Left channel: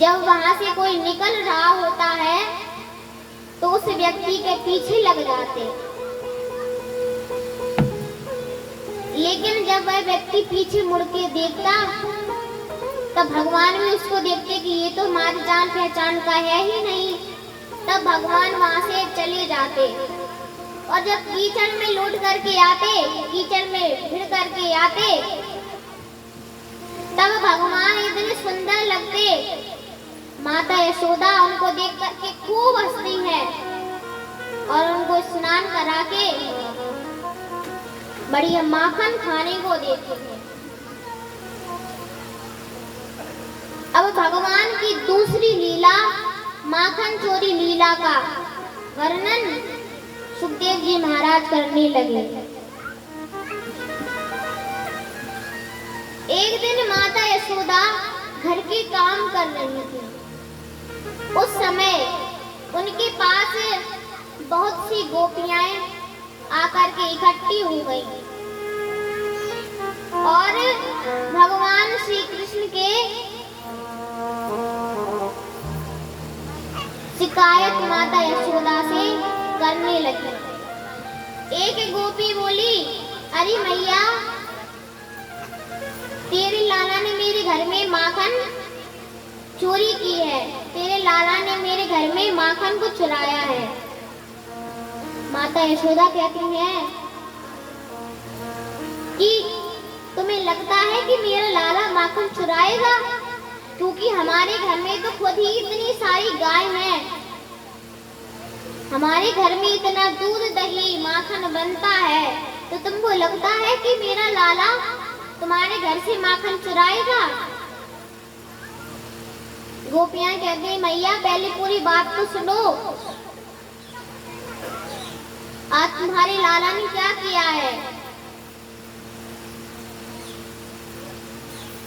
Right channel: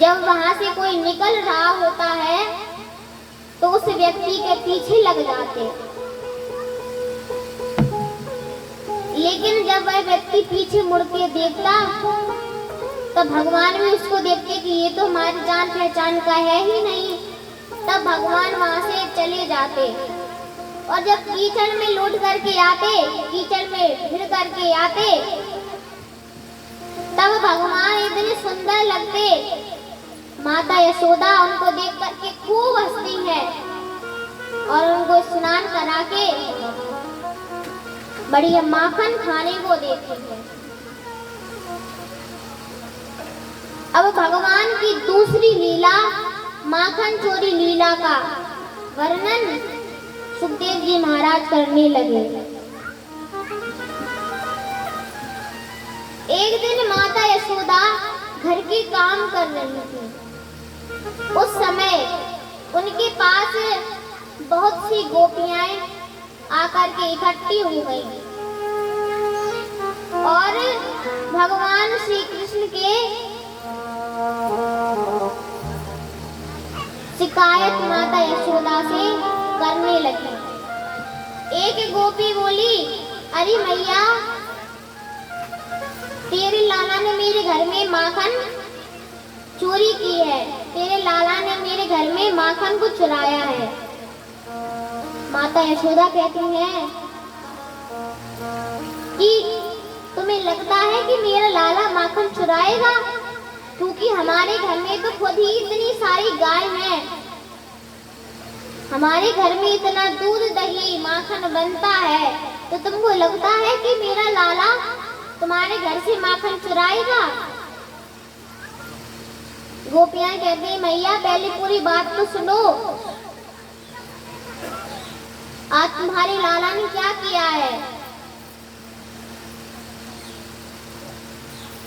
जब वहां से कोई निकल रहा होता है तो उस व्यक्ति के पीछे लग जाते, लेकिन जब वह व्यक्ति पीछे मुड़ के देखता तब भगवान भी उसको देखते कि ये तो हमारी जान पहचान का है ही नहीं। तब भगवान वहां से चले जाते और जब कीचड़ में लौट करके आते, कीचड़ में भिड़ करके आते, तब भगवान इतने सुंदर लगते। माता यशोदा उनको देख करके खूब हंसती है और उनको स्नान करा के बढ़िया माखन खाने को देती है। अब भगवान की दूसरी लीला माखन चोरी लीला का वर्णन सुखदेव जी महाराज करने लगे। एक दिन माता यशोदा घर के काम कर रही थी। उस समय उनके पास बहुत सी गोपियां आकर के इकट्ठी हो गई और भगवान श्री कृष्ण के शिकायत माता यशोदा से करने लगी। एक गोपी बोली, अरे मैया, तेरे लाला ने मेरे घर में माखन चोरी की है, तेरे लाला ने मेरे घर में माखन को चुराया है। माता यशोदा कहती हैं कि तुम्हें लगता है कि मेरा लाला माखन चुराएगा, क्योंकि हमारे घर में तो खुद ही इतनी सारी गाय हैं, हमारे घर में इतना दूध दही माखन बनता है, तो तुमको लगता है कि मेरा लाला तुम्हारे घर से माखन चुराएगा? गोपियां कहती हैं, मैया पहले पूरी बात तो सुनो, आज तुम्हारे लाला ने क्या किया है?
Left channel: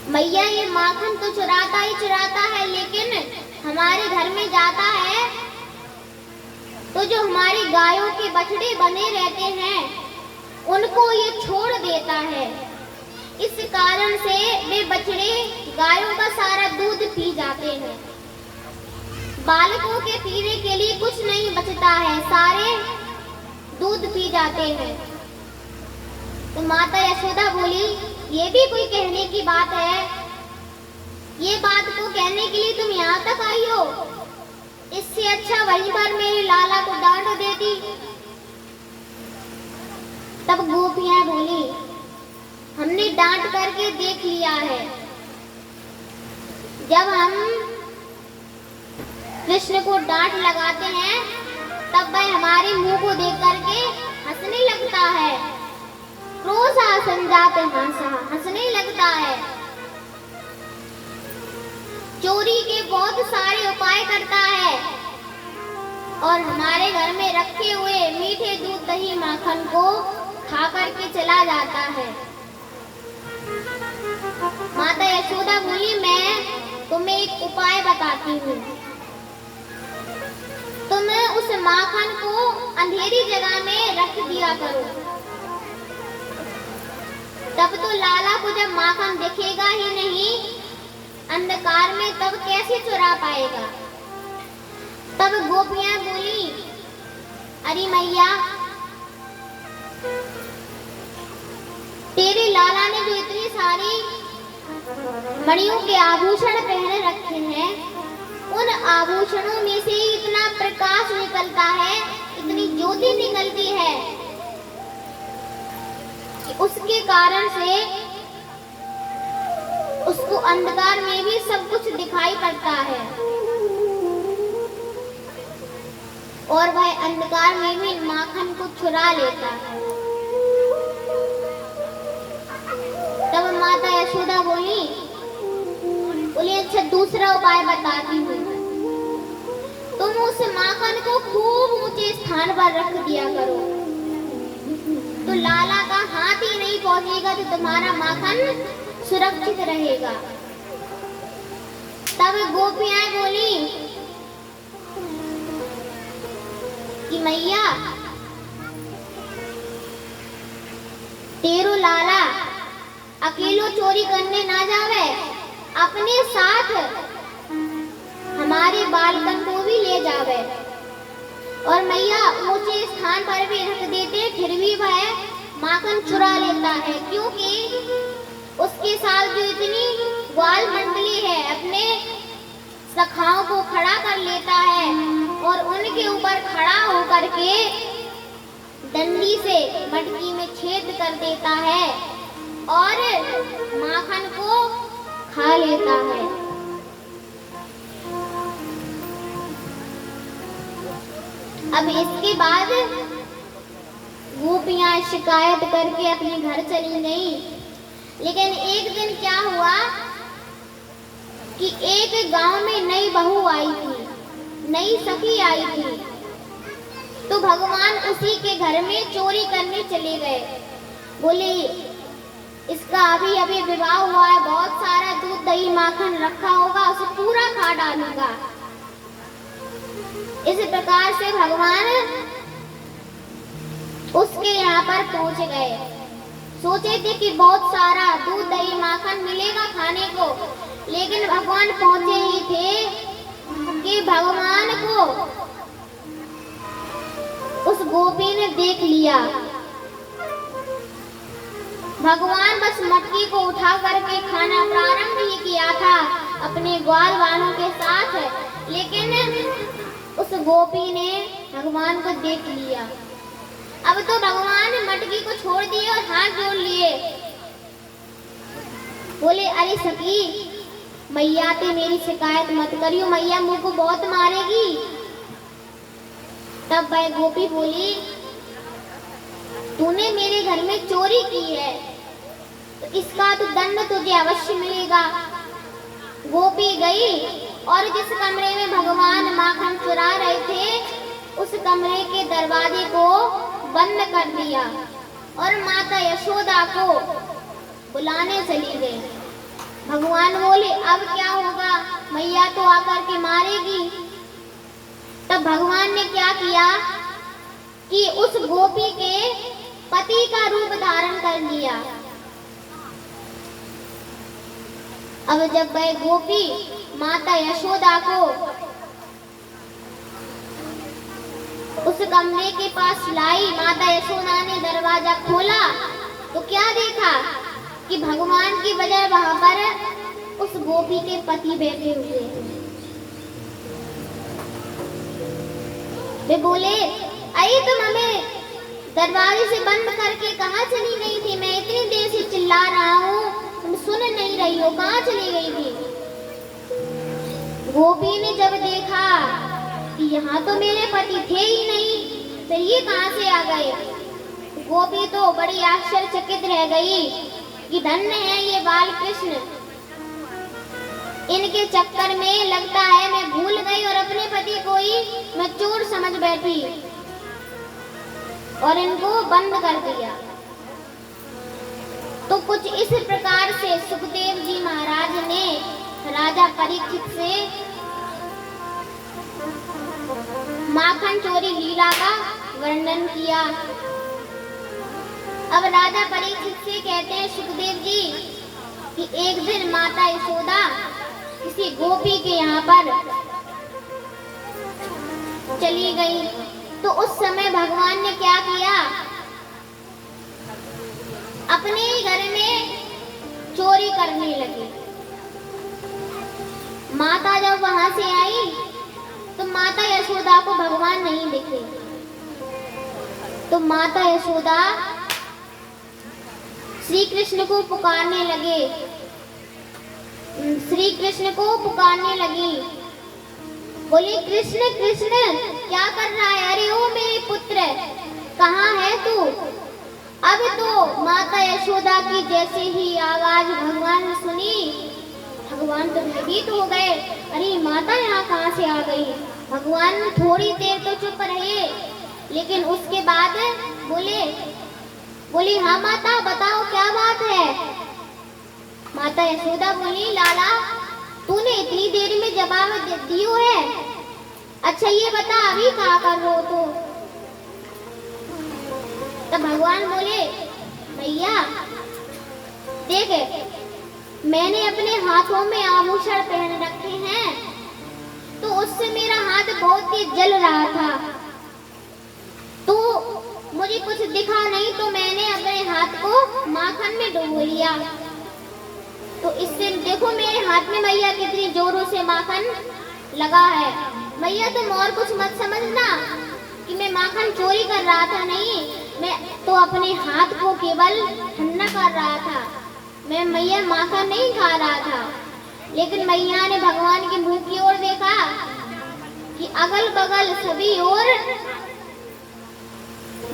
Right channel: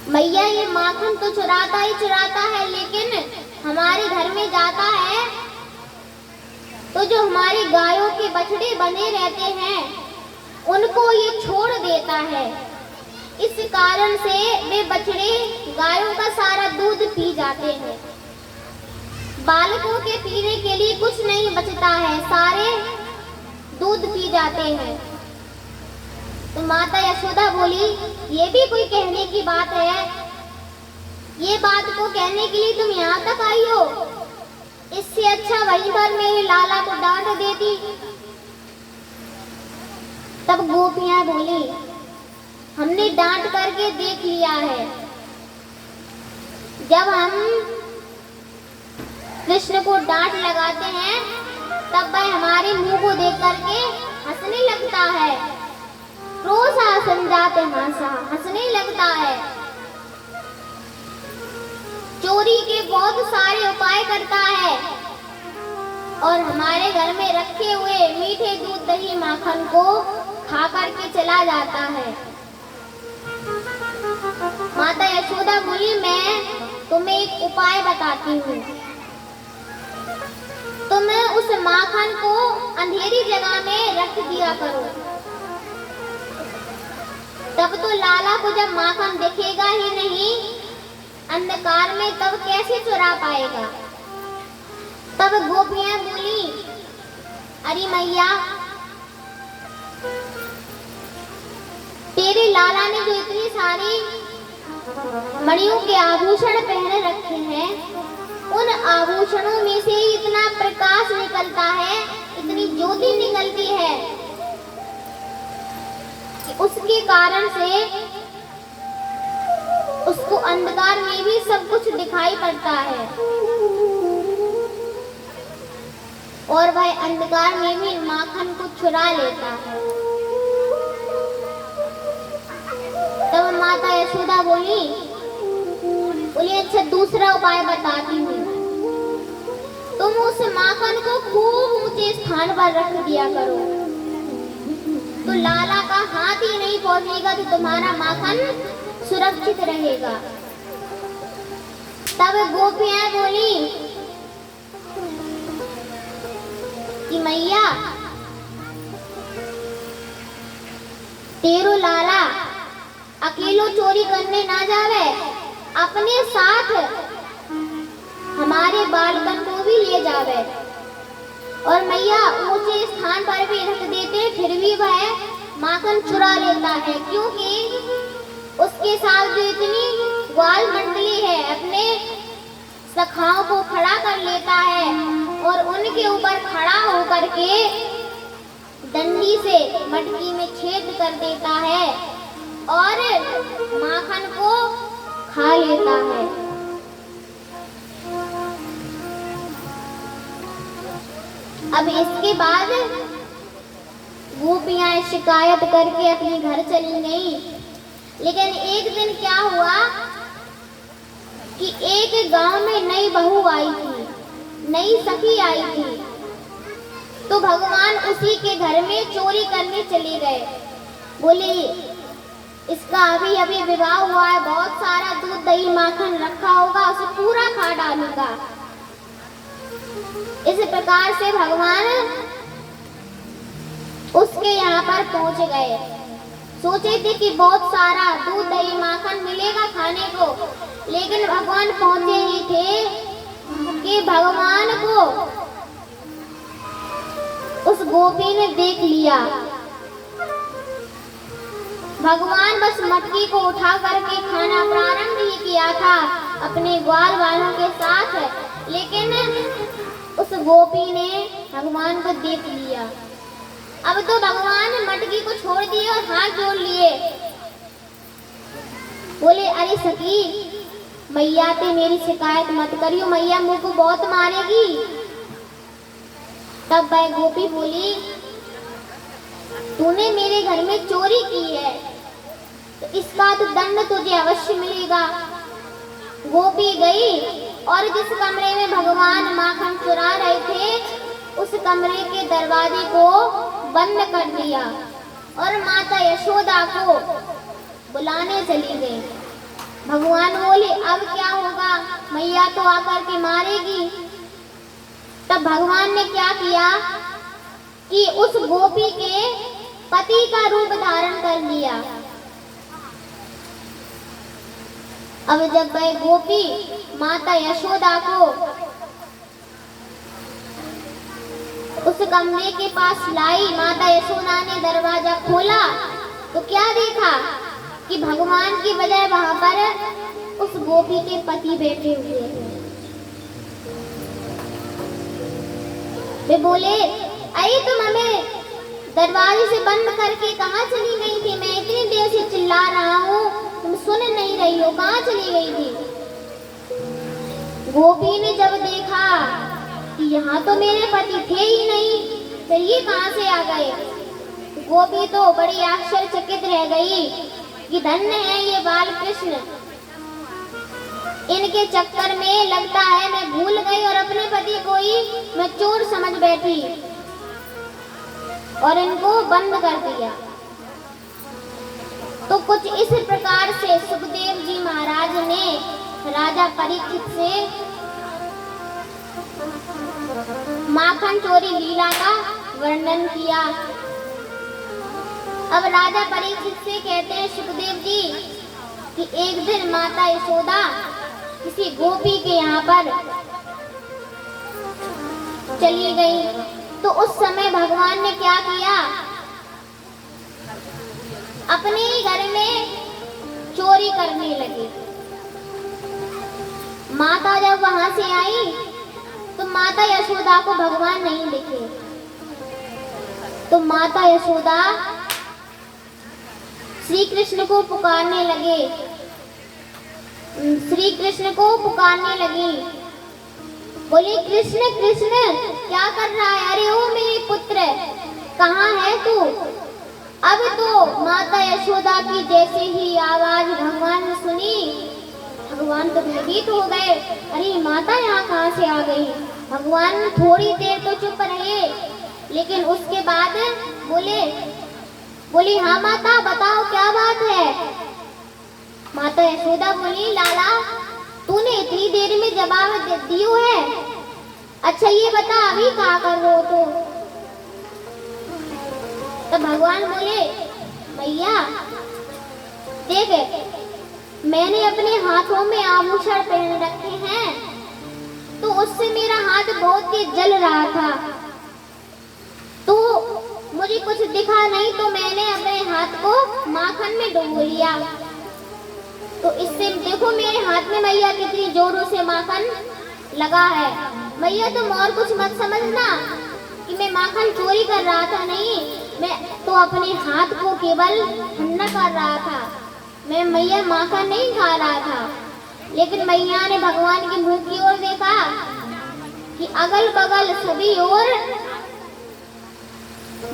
मैया ये माखन तो चुराता ही चुराता है, लेकिन हमारे घर में जाता है तो जो हमारी गायों के बछड़े बने रहते हैं उनको ये छोड़ देता है। इस कारण से वे बछड़े गायों का सारा दूध पी जाते हैं। बालकों के पीने के लिए कुछ नहीं बचता है, सारे दूध पी जाते हैं। तो माता यशोदा बोली, ये भी कोई कहने की बात है? ये बात को कहने के लिए तुम यहाँ तक आई हो? इससे अच्छा वहीं पर मेरे लाला को डांट देती। तब गोपियां बोली, हमने डांट करके देख लिया है। जब हम कृष्ण को डांट लगाते हैं तब वह हमारे मुंह को देख करके हंसने लगता है। क्रोधा संजात हासा, हंसने लगता है। चोरी के बहुत सारे उपाय करता है और हमारे घर में रखे हुए मीठे दूध दही माखन को खा करके चला जाता है। माता यशोदा बोली, मैं तुम्हें एक उपाय बताती हूँ। तुम उस माखन को अंधेरी जगह में रख दिया करो, तब तो लाला को जब माखन दिखेगा ही नहीं अंधकार में, तब कैसे चुरा पाएगा? तब गोपियां बोली, अरे मैया, तेरे लाला ने जो इतनी सारी मणियों के आभूषण पहने रखे हैं, उन आभूषणों में से इतना प्रकाश निकलता है, इतनी ज्योति निकलती है कि उसके कारण से उसको अंधकार में भी सब कुछ दिखाई पड़ता है और वह अंधकार में भी माखन को चुरा लेता है। तब माता यशोदा बोली, अच्छा दूसरा उपाय बताती हूँ। तुम उस माखन को खूब ऊंचे स्थान पर रख दिया करो, तो लाला का हाथ ही नहीं पहुंचेगा, तो तुम्हारा माखन सुरक्षित रहेगा। तब गोपियां बोली कि मैया, तेरो लाला अकेलो चोरी करने ना जावे, अपने साथ हमारे बालकन को भी ले जावे। और मैया ऊंचे स्थान पर भी रख देते, फिर भी वह माखन चुरा लेता है, क्योंकि उसके साथ जो इतनी ग्वाल मंडली है अपने सखाओं को खड़ा कर लेता है और उनके ऊपर खड़ा होकर के डंडी से मटकी में छेद कर देता है और माखन को खा लेता है। अब इसके बाद गोपियां शिकायत करके अपने घर चली गई। लेकिन एक दिन क्या हुआ कि एक गांव में नई बहू आई थी, नई सखी आई थी। तो भगवान उसी के घर में चोरी करने चले गए। बोले इसका अभी अभी विवाह हुआ है, बहुत सारा दूध दही माखन रखा होगा, उसे पूरा खा डालूंगा। इस प्रकार से भगवान उसके यहाँ पर पहुंच गए। सोचे थे कि बहुत सारा दूध दही माखन मिलेगा खाने को, लेकिन भगवान पहुंचे ही थे कि भगवान को उस गोपी ने देख लिया। भगवान बस मटकी को उठा करके खाना प्रारंभ ही किया था अपने ग्वाल वालों के साथ, लेकिन उस गोपी ने भगवान को देख लिया। अब तो भगवान ने मटकी को छोड़ दिए और हाथ जोड़ लिए। बोले अरे सखी, मैया ते मेरी शिकायत मत करियो, मैया मुझको बहुत मारेगी। तब वह गोपी बोली तूने मेरे घर में चोरी की है तो इसका तो दंड तुझे अवश्य मिलेगा। गोपी गई और जिस कमरे में भगवान माखन चुरा रहे थे उस कमरे के दरवाजे को बंद कर दिया और माता यशोदा को बुलाने चली गई। भगवान बोले अब क्या होगा, मैया तो आकर के मारेगी। तब भगवान ने क्या किया कि उस गोपी के पति का रूप धारण कर लिया। अब जब वह गोपी माता यशोदा को उस कमरे के पास लाई, माता यशोदा ने दरवाजा खोला तो क्या देखा कि भगवान की बजाय वहां पर उस गोपी के पति बैठे हुए थे। वे बोले अरे तुम हमें दरवाजे से बंद करके कहाँ चली गई थी? मैं इतनी देर से चिल्ला रहा हूँ, तुम सुन नहीं रही हो, कहाँ चली गई थी? गोपी ने जब देखा कि यहाँ तो मेरे पति थे ही नहीं, फिर ये कहाँ से आ गए? गोपी तो बड़ी आश्चर्यचकित रह गई कि धन्य है ये बाल कृष्ण, इनके चक्कर में लगता है मैं भूल गई और अपने पति को ही मैं चोर समझ बैठी और इनको बंद कर दिया। तो कुछ इस प्रकार से सुखदेव जी महाराज ने राजा परीक्षित से माखन चोरी लीला का वर्णन किया। अब राजा परीक्षित से कहते हैं सुखदेव जी कि एक दिन माता यशोदा किसी गोपी के यहाँ पर चली गई, तो उस समय भगवान ने क्या किया, अपने ही घर में चोरी करने लगे। माता जब वहां से आई तो माता यशोदा को भगवान नहीं दिखे, तो माता यशोदा श्री कृष्ण को पुकारने लगे, श्री कृष्ण को पुकारने लगी। बोली कृष्ण कृष्ण क्या कर रहा है? अरे ओ मेरे पुत्र, कहाँ है तू? अब तो माता यशोदा की जैसे ही आवाज भगवान ने सुनी, भगवान तो भयभीत हो गए। अरे माता यहाँ कहाँ से आ गई? भगवान थोड़ी देर तो चुप रहे, लेकिन उसके बाद बोली हाँ माता बताओ क्या बात है? माता यशोदा बोली लाला तूने इतनी देर में जवाब दियो है, अच्छा ये बता अभी क्या कर रहे हो? तो भगवान बोले भैया देख, मैंने अपने हाथों में आभूषण पहन रखे हैं, तो उससे मेरा हाथ बहुत तेज जल रहा था। तो मुझे कुछ दिखा नहीं तो मैंने अपने हाथ को माखन में डुबो लिया। तो इससे देखो मेरे हाथ में मैया कितनी जोरों से माखन लगा है। मैया तुम और कुछ मत समझना कि मैं माखन चोरी कर रहा था, नहीं, मैं तो अपने हाथ को केवल ठंडा कर रहा था। मैं मैया माखन नहीं खा रहा था। लेकिन मैया ने भगवान के मुंह की ओर देखा कि अगल बगल सभी ओर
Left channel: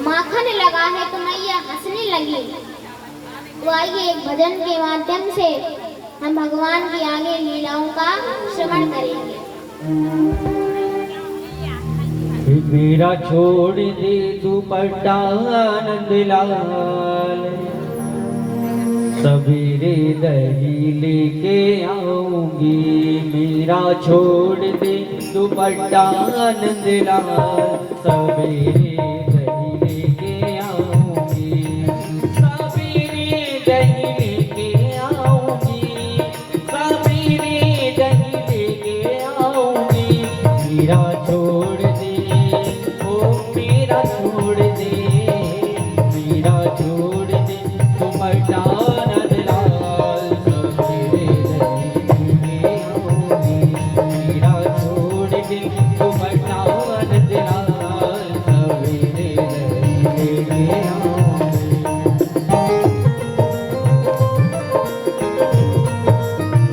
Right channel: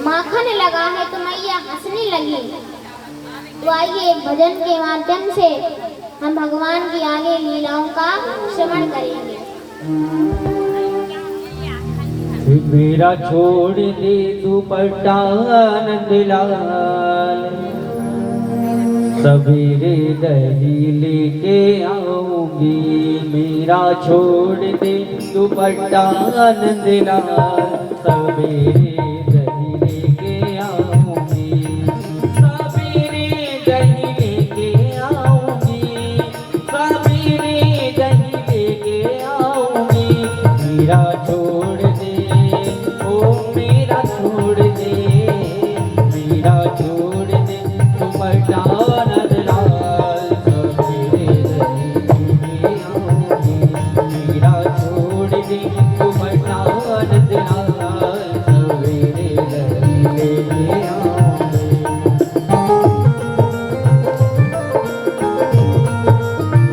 माखन लगा है, तो मैया हंसने लगी। तो आइए एक भजन के माध्यम से हम भगवान की आगे लीलाओं का श्रवण करेंगे। मेरा छोड़ दे दुपट्टा आनंद लाल, सवेरे दही लेके आऊंगी। मेरा छोड़ दे दुपट्टा आनंद लाल, सवेरे